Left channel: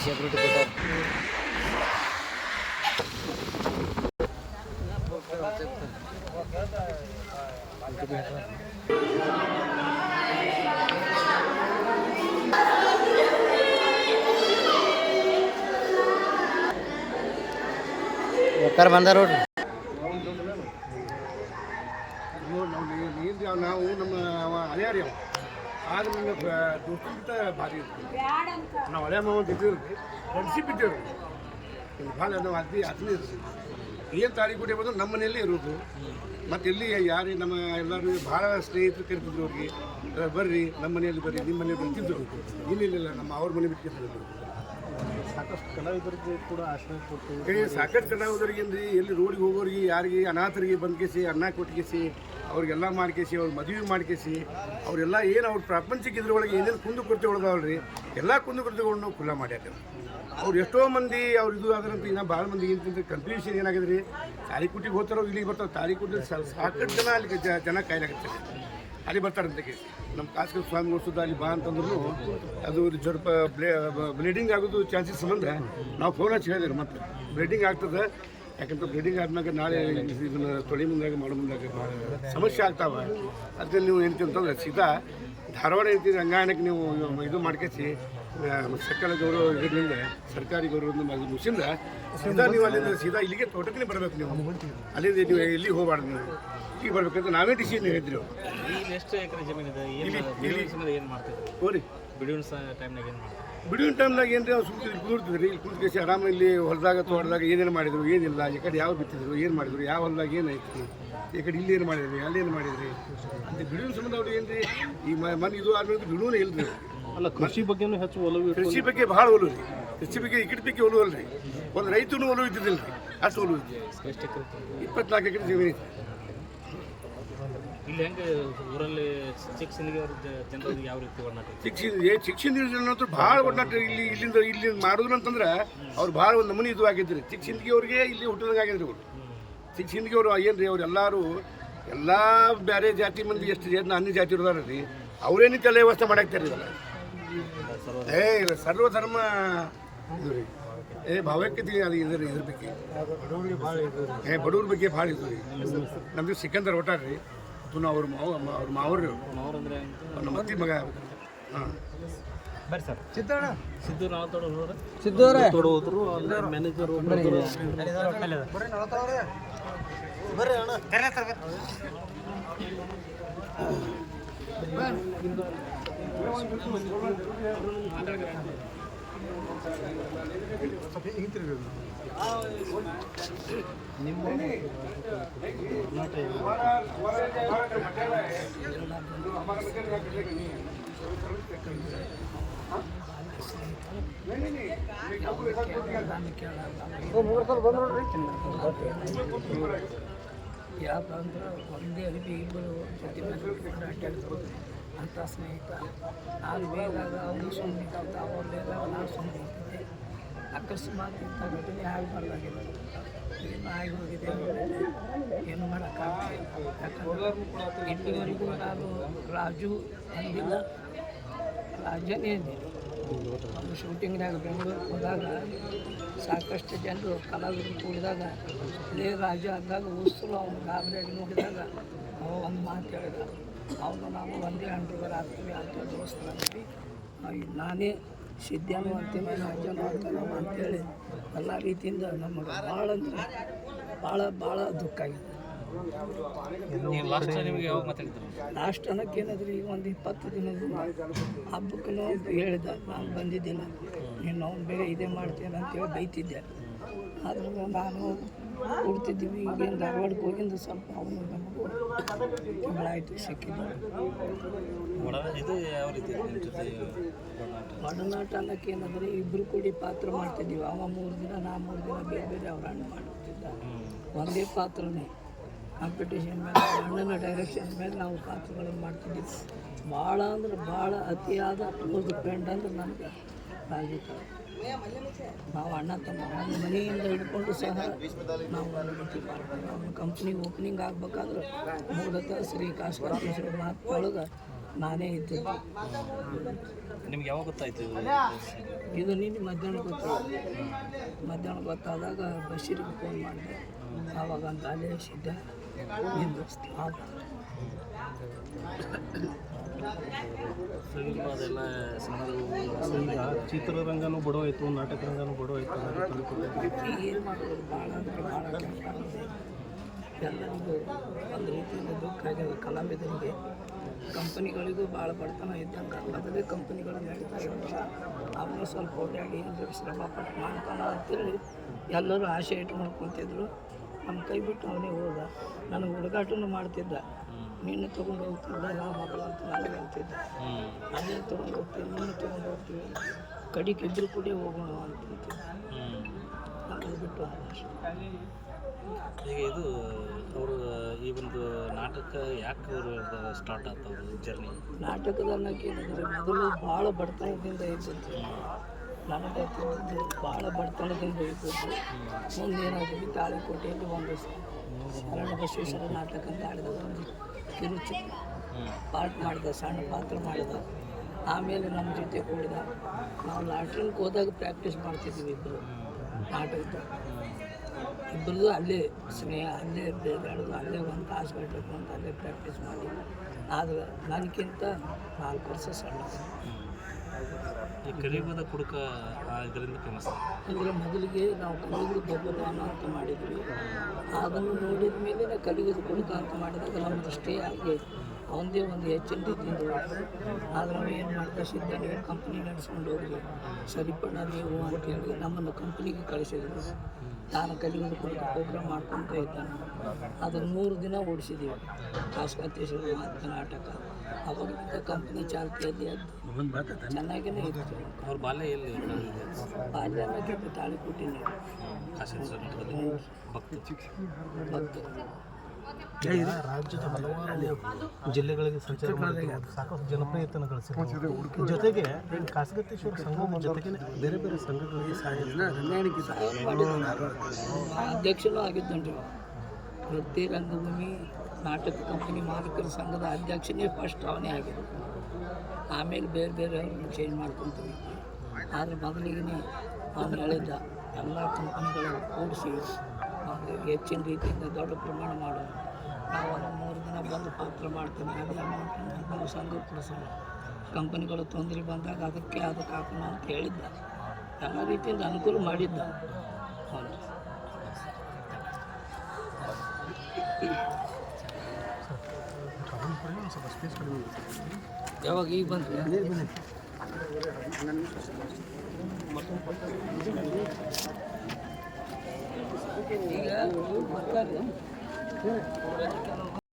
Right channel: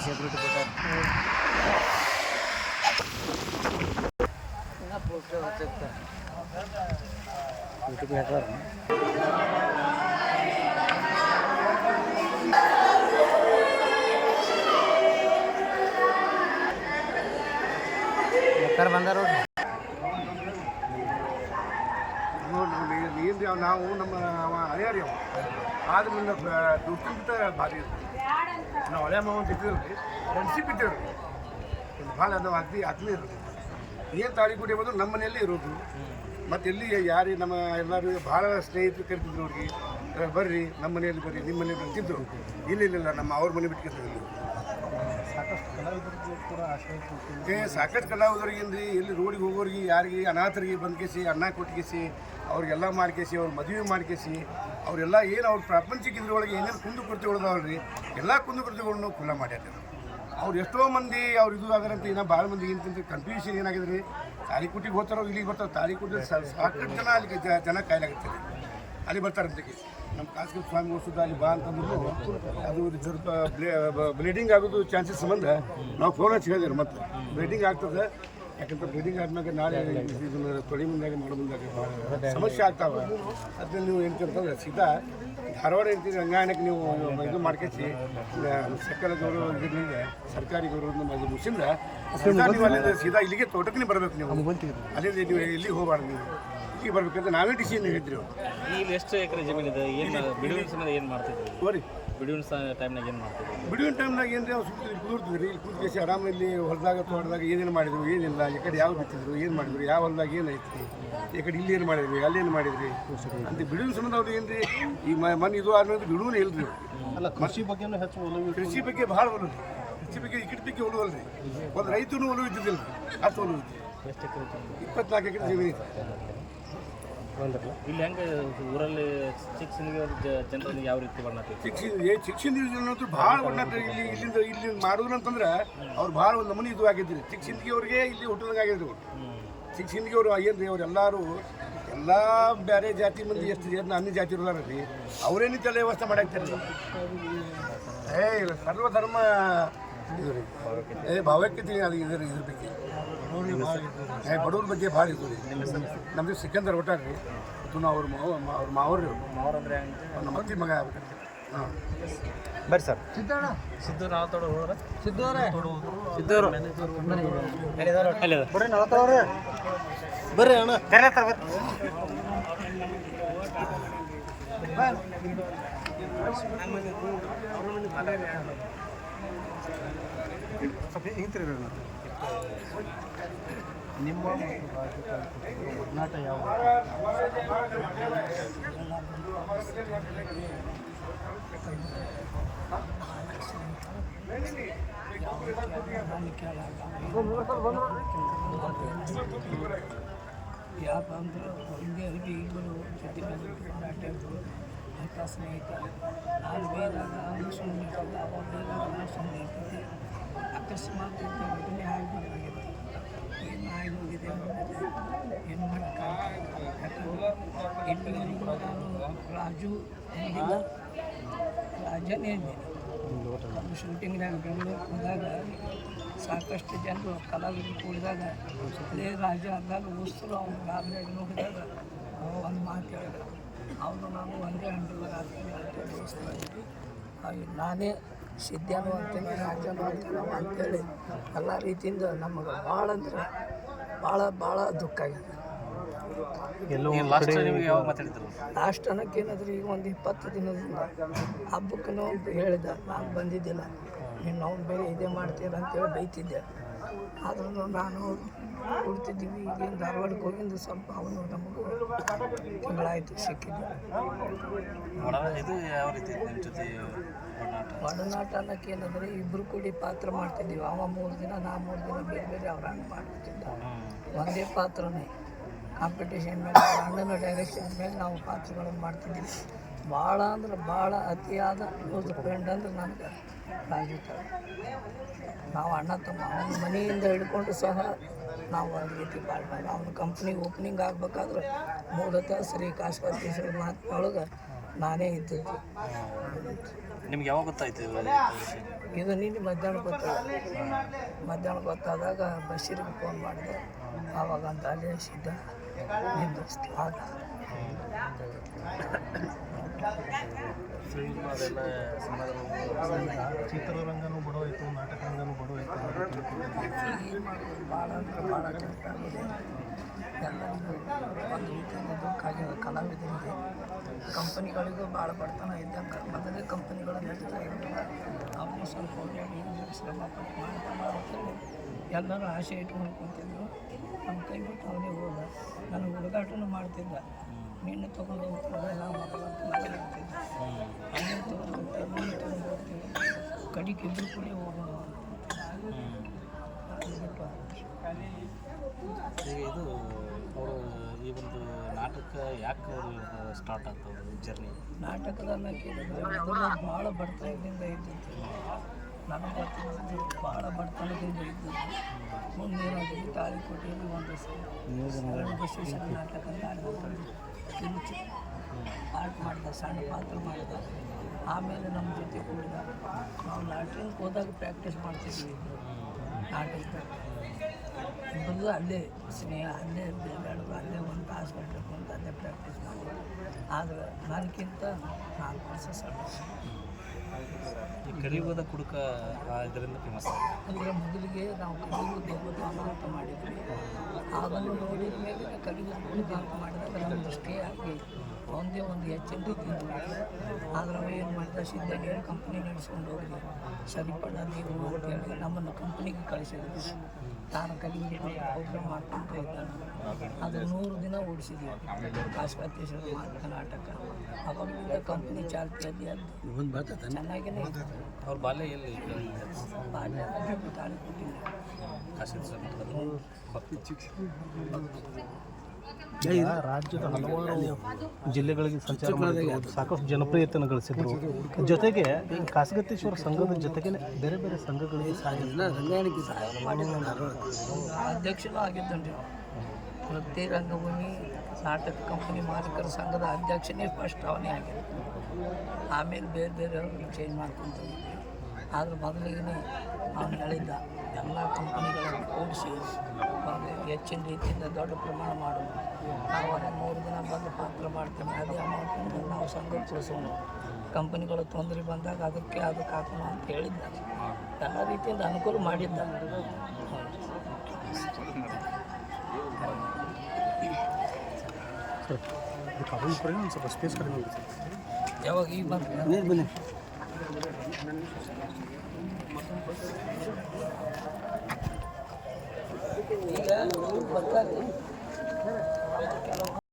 Security ಕೊಟ್ಟಾರ ಬೇಕಾರೆ ಬಂದಾರ ನೋಡ್ರಿ ನೋಡಿ ನಾವು ನೀರು ಯಾವ ನಾವು ನಮ್ಮ ಅವ ಹಳೆಯಾರಿ ಅವ ಆದ್ರೆ ನನ್ನ ದೋಸ್ತಿಗಿಂತ ಭಾರಿ ಇರ್ತದೆ ನಾವು ಹಳೆ ಮಾವ ಅಂತ ಇದ್ದೀವಿ ರೀ ಫ್ರೆಂಡ್ಶಿಪ್ ಇದ್ದೇವೆ. ರೀ ಒಂದು ಭಾಳ ನಾವು ಅಗ್ದಿ ಅದನ್ನೇ ಇರೋದು ಏನು ತಾರೀಕು ಕುಡಿ ಎಂಬುದು ನಮ್ಮ ಮನೆಯಲ್ಲೇ ಇರೋದು. ಮತ್ತು ಇಲ್ಲಿ ಯಾರೇ ನಮ್ಮ ಎಲ್ಲರೂ ಭಾಳ ಸ್ನೇಹಿತರು ಕರಿತಿದ್ರು ಅವ್ರಿಗೆ. ಬರ್ರಿ, ನಮ್ಮ ಮನೆಯಲ್ಲಿ ಬರ್ರಿ ನಿಮ್ಮ ಮನೆಯಲ್ಲಿ ಇಲ್ಲ ಇಲ್ಲ ಇಲ್ಲ, ನಮ್ಮ ಅವ್ರ ಮನೆ ಬಿಟ್ಕೊತಿದ್ರು ಸಾಕಷ್ಟು ಕಲಾವಿದರಿಗೆ ಕೂಡ ಆಶ್ರಯ ಕೊಟ್ಟು ಏ, ಸಾಕಷ್ಟು ಕಲಾವಿದರಿಗೇನ್ರಿ ಎಲ್ಲಿ ರೋಡಿಗೆ ಹೋಗೋರಿಗೆ, ಯಾರಿಗೆ ಅನಾಥರಿಗೆ ಬಂದ್ಕೇಸಿ, ಅನ್ನ ಕೊಟ್ಟಿಗೆಸಿ ಅವ್ರಿಗೆಲ್ಲ ಮಾಡ್ಕೇಸಿ, ಅವ್ರ ಮದುವೆ ಮಾಡ್ಕೇಸಿ, ಅವರೆಲ್ಲ ಏನು ಅವ್ರ ಪ್ರಾಪಂಚಿಕ ಇದ್ರೊಳಗೆ ಏನೇನು ಕುಂದು ಕೊರತೆ ಉಳ್ದಾವಲ್ರಿ, ಎಲ್ಲ ಕುಂದು ನಾವು ಖುಲ್ಲ ಮಾಡ್ಯಾರ ಅವ್ರು. ಎಷ್ಟೋ ಮಂದಿ ಅವ್ರು ಇದು ಆದ್ರಂತ, ಇನ್ನೂ ಭಾಳ ಇಂತ ಕನ್ಫ್ಯೂಷನ್ ಏನಾಗಿದೆ ರೀ ಹೋಗ್ತಾರೋ, ಇಲ್ಲಿಗೆ ಬರ್ತಾರೆ ತಾಳಿಕುಟಿ ಸಾಕಷ್ಟು ಜನ ಅಲ್ಲಿ ಜನ ಕಾಯ್ಲಾಗತ್ತೆ ಅಲ್ಲಿ ಬರ್ತಾರಂತೆ ನಮ್ಮ ಖಾಸಗಿ ಸ್ವಾಮಿ ಸುದ್ದ ಅಲ್ಲಿ ಬಾ ಅಂತಂದ್ರು ಅದು ಸ್ವಲ್ಪ ಬ್ಲೀಡಿಂಗ್ ಆಗೋದು ಚಾನ್ಸಸ್ ಸಂಬಂಧ ನಾವು ಫೋನ್ ಹಚ್ಚಿ ಹೇಳಿದ್ರು ಮತ್ತೆ. ಬ್ಲೀಡಿಂಗ್ ಆಗ್ತದೆ. ಯಾಕಂದ್ರೆ ಬ್ಲೀಡಿಂಗ್ ಆದಮೇಲೆ ನಾಳೆ ಇದನ್ನ ತೊಳಿ ಮುಂದಾಗ, ಮಾಡೋ ಮುಂದಾಗ ಭಾಳ ಸಮಸ್ಯೆ ಆಗ್ತಾವ. ಅದಕ್ಕೆ ನೀವು ಏನಂತ ಅಂತಂದ್ರೆ ಸೀದಾ ಧಾರವಾಡ ರಂಗಾಯಣಕ್ಕೆ ನೀವು ಇದು ಮಾಡ್ಕೇಸಿ ಸಕಲ ಗೌರವ ಇದರಿಂದ ಸರ್ಕಾರಿ ಗೌರವದಿಂದ ಮುಗಿಸಿಂದ, ಸೀದಾ ನೀವು ಅಲ್ಲಿಂದ ಸೀದಾ ಇಲ್ಲಿಗೆ ತೋಟಕ್ಕೆ ಬರಬೇಕು ನೀವು. ಅಲ್ಲಿಂದ ನೀವು ಎಲ್ಲಿ ಹೋಗಬಾರ್ದು ನೀವು. ಇಲ್ಲಿಗೆ ಬರ್ಬೇಕಂತ ನಾವೇ ಡಿಸಿಷನ್ ಹೇಳಿದ್ರು ಅವ್ರು. ಈಗ ಎಷ್ಟು ಎಕರೆ ಜಮೀನಿದೆ? ಏನು ಬಿಡುವಿನ ಸಮಯ ಏನು ಮಾಡ್ತಿದ್ರಿ? ಹೋರಿ. ಬಿಡುವಿನ ಟೈಮ್ನಾಗ ಏನು ಮಾಡ್ತಿದ್ರು? ಬಿಡುವಿನ ಟೈಮ್ನಾಗ ರೀ ಅವ್ರು ಸುಮ್ಮನೆ ಇಲ್ಲಿ ಕುದುರ್ತಿದ್ರಿ. ಇಲ್ಲಿ ಕುಂತ್ಕೇಸಿ ಆರಾಮ ಇಲ್ಲಿ ಹೊಲದಾಗ ತೋಟದಾಗ ಏನೇನು ಮಾಡಿದ್ರು ಏನಿಲ್ಲ. ಈ ಕಡೆ ಯಾವ ಬಿತ್ತಿದ್ರು ಏನು ಮಾಡಿದ್ರು ಯಾವ ಹೊಲದಾಗ ಏನೈತಿ ಈ ಕಡೆ ಇಲ್ಲಿ ಏನು ಮಾಡಿದ್ರಿ ಅಲ್ಲಿ ಏನು ಮಾಡಿದ್ರಿ? ಅಂತ ಬಿಡುವಿನ ಸಂಬಂಧ ಅವ್ರು ಏನು ರೀ ಈ ಮನೆ ಇದು ಆದ್ರೆ ಬಿಡುವನೇ ಇಲ್ಲ ರೀ ಅಲ್ಲ ಕೃಷಿ ಬಗ್ಗೆನೂ ಹೆಚ್ಚು ಒಲವು ಕೃಷಿ ಬಗ್ಗೆ ಭಾಳ ಒಲವು ರೀ ಕೃಷಿ ಬಗ್ಗೆ ಈ ಕಡೆ ಬಗ್ಗೆ ಒಲವು ಅಲ್ರಿ ಒಂದು ರೈತನು ಒಲವು ಇದ್ದಿದ್ದಿಲ್ಲ ರೀ ಅಷ್ಟು ಒಲವು ಇತ್ತು ಇಪ್ಪತ್ನಾಲ್ಕು ಎಕರೆ ಜಮೀನು ಐತಿ ಇಲ್ಲಿ ಹೆಂಗೆ ಊರಲ್ಲಿ ಸಿಂದಿಗೆ ಜನರಿಗೆ ಯಾವ ರೀತಿ ಒಡನಾಟ ಶಿಕ್ಷಣ ಏ ಶಿಕ್ಷಣ ಭಾಳ ಒಟ್ಟಾಟ ಇಲ್ಲಿ ಇಲ್ಲಿಂದ ಇಲ್ಲಿ ಮಾಡುದ್ರಂತಂದ್ರೆ ಅವ್ರು ಭಾಳ ಒಂದು ನಮೂನಿ ಇದು ಆಗಿದ್ರಿ. ಚಿಕ್ಕ ಸಿಂದಗಿ ಅವ್ರಿಗೆ ಇಲ್ಲಿ ಹುಟ್ಟಿದಂಗೆ ಆಗಿದ್ರಿ ಅವರು ಚಿಕ್ಕ ಸಿಂದಗಿ ಅವರು ಏನ್ರಿ ಅವ್ರು ಎಲ್ಲರೂ ಎಲ್ಲ ಬೇರೆ ಜಾತಿ ಮಂದಿ ಎಷ್ಟು ಜನ ಅನ್ಯ ಜಾತಿ ಇರೋದಾರ ರೀ ಅವರೇನು ತಲೆ ವ್ಯವಸ್ಥೆ ಮಾಡಾಕ್ತಾರೆ ಇವಾಗ ಏ ಇಲ್ಲ ಸರ್ವಧರ್ಮ ಇದು ರೀ ಏ ಭಾವೈಕ್ಯತೆ ಅದು ಇದ್ರ ಇದ್ರ ಬಗ್ಗೆ. ಏ ಬಡವ್ರ ಬಗ್ಗೆ ಭಾಳ ಇದು ರೀ ನಮ್ದು ಸಿಕ್ಕಂದ್ರೆ ಒಟ್ಟಾರ ರೀ ಮತ್ತು ನಾವು ಅವ್ರ ಮಾವ ಅವ್ರ ಮಾವ್ರಿ ಮಾವರ್ ಅಂದ್ರೆ ಹೆಂಗೆ ನಮ್ಮ ಅತ್ತಿ ಮಗ ಹಾಂ. ಬರ್ರಿ ಸರ್. ಸಿದ್ದು ನಾವು ತೊಡೋ ಹೋದ್ರೆ? ಸಿದ್ದವ್ರೆ. ಬರ್ರಿ ಅಣ್ಣ. ಕರೆ ಸರ್ ಬರ್ರಿ. ನಿಮ್ಮ ಮತ್ತು ಕುಟುಂಬದ ಒಡನಾಟ ಯಾವ ನಾನು ಕೇಳಲ್ಲ ಯಾಕಂದ್ರೆ ಒಂದೇ ಅರಿವಿ ಇಬ್ಬರು ಜೊತೆ ಮೇಲೆ ಇಟ್ಕೊಂಡು ಅಡ್ಡಾಡ್ತಾರೆ ಅಂತ ಸ್ನೇಹಿತ ನಾನು ಬೇದಾಗ ಅವನು ಸುಮ್ಮನೆ ಇರ್ತದೆ ಅವ ಬೇದಾಗ ನಾನು ಸುಮ್ಮನೆ ಇರ್ತದೆ ಅಕಸ್ಮಾತ್ ಇಂಥ ಘಟನೆ ಆಗಬಾರ್ದಾಗಿತ್ತು ಏನು ಆಗಿ ಹೋಗಿದೆ ಏನು ಮಾಡೋಕ್ಕಾಗುತ್ತೆ ಯಾಕಂದ್ರೆ ಇಲ್ಲಿವರೆಗೂ ನಾನು ರಾಜು ಅಂದಿಲ್ಲ. ರಾಜನೇ ಇದ್ದೀನಿ ಒಂದು ಶೂಟಿಂಗ್ನಾಗ ಬೆಂಗಳೂರಿಗೆ ಹೋದಾಗ ಸಾಕಷ್ಟು ಜನರು ಕಲಾವಿದರು ಕೂಡಿದಾಗ ಅದೇ ರಾಜ ಅಂದಾಗ ಉಸಿರು ಅವನು ಗಾಬರಿಯಾಗಿ ನೋಡಿದಾಗ ಅವ ಒಂದು ಮಾತು ಹೇಳಿದ, ಅವನು ನಾನು ಒಂದೇ ಅಂಡ್ರಿಗರ್ ಆಗ್ತೀವಿ ಅಂತ ದೋಸ್ತರಾಗಿದ್ವಿ ನಾನೇ ಸಿದ್ಧನೂ ಅಂತೀನಿ ರಾಜನೂ ಅಂತ ನಾವು ಅಂತೇಳಿ ಎಲ್ಲ ರೀತಿಯಿಂದ ನಮಗೆ ಭಾಳ ಅಂದ್ರೆ ಭಾಳ ಭಾಳ ದುಃಖ ಆಗಿದೆ. ಲಾಸ್ಟ್ ಅನ್ನಕ್ಕೆ ಏನಾದ್ರೂ ಈಗ ಒಂದು ಇಪ್ಪತ್ತು ದಿನದಿಂದ ಹಬ್ಬಕ್ಕೂ ಹೇಳಿದ ನಾನು ಬಂದಿದ್ದಿಲ್ಲ. ನೀನು ಅವ್ನು ಬೇರೆ ಇದೇ ಮಾಡ್ತೀರ ಅಂತೇಳಿ ಬೈತಿದ್ದೆ. ಆದ್ರೂ ನಾನು ಕೊಡ್ತಿದ್ದೀವಿ. ಈಗೇನು ಧಾರವಾಡಕ್ಕೆ ಹೋಗಿಂದು ಸ್ವಲ್ಪ ಅವನು ನಮಗೂ ತಿಂಗಳಾಯಿತು ಸಿಕ್ಕಿದ್ದು. ಇದು ಯಾವ ರೀತಿ ನಿಮ್ಮ ಜೊತೆ ಒಡನಾಟ ಅನ್ನೋಕ್ಕೆ ಏನಂದರೆ ಇಬ್ಬರು ಕೂಡಿ ಪಾತ್ರ ಮಾಡ್ತಿದ್ದೀವಿ. ಅವ ಮೂರು ದಿನ ನಾ ಮೂರು ದಿನ ಬೇರೆ ಬೇರೆ ಅವ್ರ ಅಣ್ಣ ಮಾಡ್ತಿದ್ದ. ಒಂದೇ ಪಾತ್ರನೇ. ಕಾಂಪಿಟೇಷನ್ ಮೇಲೆ ಹಣ್ಣನ್ನು ಅಣ್ಣನ ಡೈರೆಕ್ಷನ್ ಮೇಲೆ ನಾವು ಪಾತ್ರಗಳನ್ನು ಮಾಡ್ತಿದ್ದೀವಿ. ಭಾಳ ಅಂದ್ರೆ ಭಾಳ ಅತಿಯಾದ ಕ್ಲೋಸ್ ಫ್ರೆಂಡ್ ಅಂದ್ರೆ ನನಗೆ ರಾಜಿತ ನಾವು ಅಣ್ಣ ತಮ್ಮ ಅವನ ಮನೆಯಿಂದ ಹಿಡ್ಕೊಂಡು ಸಹ ನಾವು ಒಂದು ರೀತಿ ಪಾರ್ಟ್ನರ್ ಅವನ ಕಂಪ್ನಿ ಓಪನಿಂಗ್ ಆಗ್ಬೇಕಾದ್ರೆ ಮೂಲತಃ ಶ್ರೀ ಕಾಶ್ಕರ್ತೀಶ್ವರ ಮಾತಿನೊಳಗೆ ನಾನೇ ಇದ್ದದ್ದು. ನಿಮ್ಗೆ ಯಾವಾಗ ಗೊತ್ತಾಯ್ತು ಇದು? ನಿನ್ನೆ ಮಧ್ಯಾಹ್ನ ಗೊತ್ತಾಗ ಮಧ್ಯಾಹ್ನ ಗೊತ್ತಾದಾಗ ಬಶೀರಿಗೆ ಫೋನ್ ಮಾಡಿದೆ. ಆವಾಗ ಅಂತ ಅಲ್ಲೇ ಸಿದ್ಧ ನಿಂದು ಆದ ಸಿನಿಮಾ ಅದೆಲ್ಲ ಸಿನಿಮಾ ಈಗ ಚಿತ್ರರಂಗನೂ ನಾಟಕ ರಂಗನೂ ಬಡವಾಯಿತು. ಏನು ಮಾಡೋದು? ಭಾಳ ಅಂದ್ರೆ ಭಾಳ ಕಷ್ಟ ಆಗಿದೆ ಎಲ್ಲರಿಗೂ ಒಂದು ರೀತಿಯಿಂದ ದುಃಖ ಆಗ್ಯದ ಕಲಾವಿದರಿಗೆ, ಕಂಪನಿಗಳಿಗೂ ಭಾಳ ಬಡತನ ಇದ್ದಂಗೆ. ಮೊದಲೇ ಕಂಪನಿಗಳು ನಡೀತಾ ಇರೋದಿಲ್ಲ. ಅವರು ಸ್ವಲ್ಪ ಓಡಾಡಿ ಶ್ರಮ ಪಟ್ಟು ಮಾಡ್ತಾನ ಅಂತೇಳಿ ಎಲ್ಲರೂ ಆಸೆ ಇಟ್ಕೊಂಡು ಕುಂತಿದ್ರು. ನಮ್ಮ ಕೈ ಬಿಟ್ಟು ಅವನೇ ಹೋದ. ನನಗೆ ಹುಡುಗಾಟನೂ ಮಾಡ್ತಿದ್ದ. ನೀನು ತೊಗೊಂಡು ಹೋಗ್ತಿಲ್ಲ ನಾ ಮಗಳಂತ ನನಗೆ ಅಂತಿದ್ದ. ಅಲ್ಲೇ ತೊಗೊಂಡು ಹೋಗ್ತೀವಿ ನೀನು ತೊಗೊಂಡು ಹೋಗ್ತೀವಿ ಕಡಿಗೆ ಇಬ್ಬರು ಕೂಡ ಹೋಗೋಣ ಅಂತಿದ್ದೆ. ಅದನ್ನು ಬಿಟ್ಟು ಈಗ ಇದು ಅವರು ಈ ಒಂದು ನಾಟಕ ಯಾಕೆ ಅವರು ಸ್ಟಾರ್ಟ್ ಆಗ್ತದೆ ಜರ್ನಿ ನಾಟಕದ ಅನ್ನೋಕ್ಕೇನಂದರೆ ಮೊದಲು ಭಾಳ ಬಡತನದಿಂದ ಇದ್ದದ್ದು. ನನಗೆ ಗೊತ್ತಿದ್ದು ಭಾಳ ಬಡತನದಿಂದ ಇದ್ದದ್ದು ಮುಂದೆ ಏನಾಗಿದೆ ತಾಳಿಕೋಟೆಯಲ್ಲಿ ಒಂದು ಶರಣ ಬಸವೇಶ್ವರ ನಾಟಕ ಅಂತ ಆಡಿದ ಒಂದು ಕಿರುಚಿ ಪಾರ್ಟ್ ಮಾಡಿದ, ಸಣ್ಣ ಪಾತ್ರ ಮಾಡಿದ. ಆಮೇಲೆ ನಮ್ಮ ಜೊತೆ ಕೂಡಿದ. ನಾವು ಲಾಟ್ರಿನ್ಗೆ ಹೋದಾಗ ಪ್ರಾಕ್ಟೀಸ್ ಮಾಡ್ತಿದ್ವಿ ಇಬ್ಬರು ನಾಟಕದ ಇಬ್ಬರದು ಅಲ್ಲೇ ಸ್ನೇಹ, ಅಲ್ಲೇ ಬೇಗಾಡೋದು ಅಲ್ಲೇ ಒಂದು ತಾಸು ಗಂಟೆ ಅಂತ ಅಲ್ಲೇ ಪ್ರಾಕ್ಟೀಸ್ ಮಾಡಿ ಆದ್ರೆ ನನಗಿಂತ ನಾಲ್ಕು ವರ್ಷ ಸಣ್ಣ. ಈ ಕಲಿಯುಗದ ಕುಡುಕ ಇದರಿಂದ ಫೇಮಸ್ ಅಂದರೆ ಮೊದಲಿಗೆ ನಾವು ಕಲಿಯುವುದು ಬಗ್ಗೆ ಅಂತ ಮಾಡಿದ್ವಿ. ಅದನ್ನು ನೋಡಿದ ಮೇಲೆ ಕಲಿಯುವುದು ಕುಡುಕ ಅಂತ ಮಾಡಿದಾಗ ನಮ್ಮ ಸ್ಟೇ ಆಗಿ ಒಂದೇ ಒಂದು ಹೆಚ್ಚಿನ ರೀತಿಯಿಂದ ಹೋಯ್ತು ಆದರೆ ನಾವು ಏನು ಮಾಡ್ತಾ ಸಿದ್ಧ ನೀವು ಕಂಪ್ನಿ ನಡೆಸ್ಕೊಂಡು ಹೋಗಿ ಸರಿಪಡ ನೀವು ಅಂತೇಳಿ ನಮ್ಮನ್ನು ಕಂಪ್ನಿಗೆ ಕಳಿಸಿದ್ರು. ತಾನು ಕಲಿಯುವುದು ಕುಡುಕ ಪ್ರೋಗ್ರಾಮ್ ಮಾಡ್ಕೊತ ಇದ್ದಾನೆ. ಅದು ನೂರು ದಿನ ಓಡಿಸಿದ್ದೀವಿ ಕಾಶಕಾತೇಶ್ವರ ಮಹಾತ್ಮ ನಾಟಕ ಅವಾಗಿನಿಂದ ಕಂಪ್ನಿ ಚಾಲ್ತಿಯಲ್ಲಿ ಅದು ಚೆನ್ನಾಗಿನೇ ಇತ್ತು. ಅವ್ರ ಬಾಲ್ಯ ಎಲ್ಲಿ? ಬಾಲ್ಯ ಅನ್ನೋಕ್ಕೆ ತಾಳಿ ಕೊಟ್ಟಿನಿ. ರಾಜ್ಯದ ಹಲವಾರು ಜಿಲ್ಲೆಗಳಿಗೆ ಸಂಚಾರ ಸಾಕಷ್ಟು ಜನಪ್ರಿಯತೆಯನ್ನು ಗಳಿಸಿದ್ರು. ಜೊತೆಗೆ ಈ ಖಾಸಗತೇಶ್ವರ ಸಂಘದ ಜೊತೆಗೆ ಬೇರೆ ಬೇರೆ ಸಂಘಗಳಿಗೆ ಸಹಾಯ ಸಹಾಯ ಮಾಡಿದ್ದಾನೆ ಅಧ್ಯಕ್ಷನೂ ಆಗಿದ್ದಾನೆ. ವೃತ್ತಿ ರಂಗಭೂಮಿ ನಾಟಕ ಕಂಪನಿ ಮಾಲೀಕರ ಸಂಘದ ಅಧ್ಯಕ್ಷನೇ ಫಸ್ಟ್ ಅವನೇ ಆಗಿದ್ದು. ಆಮೇಲೆ ಬೇರೆ ಬೇರೆ ಅವ್ರನ್ನ ಚೇಂಜ್ ಮಾಡ್ಕೊತ ಹೋಗಿದ್ವಿ ಆದ್ರೆ ಮೊದಲಿಗೆ ಅವನು ಹೇಳಿದ್ದ, ಎಲ್ಲ ಕಂಪನಿಗಳನ್ನು ಕೂಡಿಸಿ ಹೆಚ್ಚಿನ ರೀತಿಯಿಂದ ದೊಡ್ಡ ಪ್ರಮಾಣ ಮಾಡೋಣ ನಾವು ಅದನ್ನು ಮೂರು ದಿನ ಬಂದು ಪಾತ್ರ ಮಾಡ್ತೀನಿ. ಅದೇ ಅಮೌಂಟನ್ನು ನಾವು ಸಂಘಕ್ಕೆ ಕೊಡಿಸೋಣ. ಕಂಪನಿಗಳು ತೊಂದರೆ ಬಂದಾಗ ಅದಕ್ಕೆ ಅದಕ್ಕೆ ಹಾಕೋಣ ಅಂತ ಹೇಳಿದ್ದ. ಎಲ್ಲ ರೀತಿಯಿಂದ ಅನುಕೂಲ ಮಾಡಿದ್ದ. ಒಂದು ಸ್ವಲ್ಪ ಸ್ಪೇಸ್ ಕಡಿಮೆ ಇರುತ್ತೆ. ಯಾವಾಗ ಈಗ ಬಂದ್ರೆ ಈಗ ಬರ್ತಾರೆ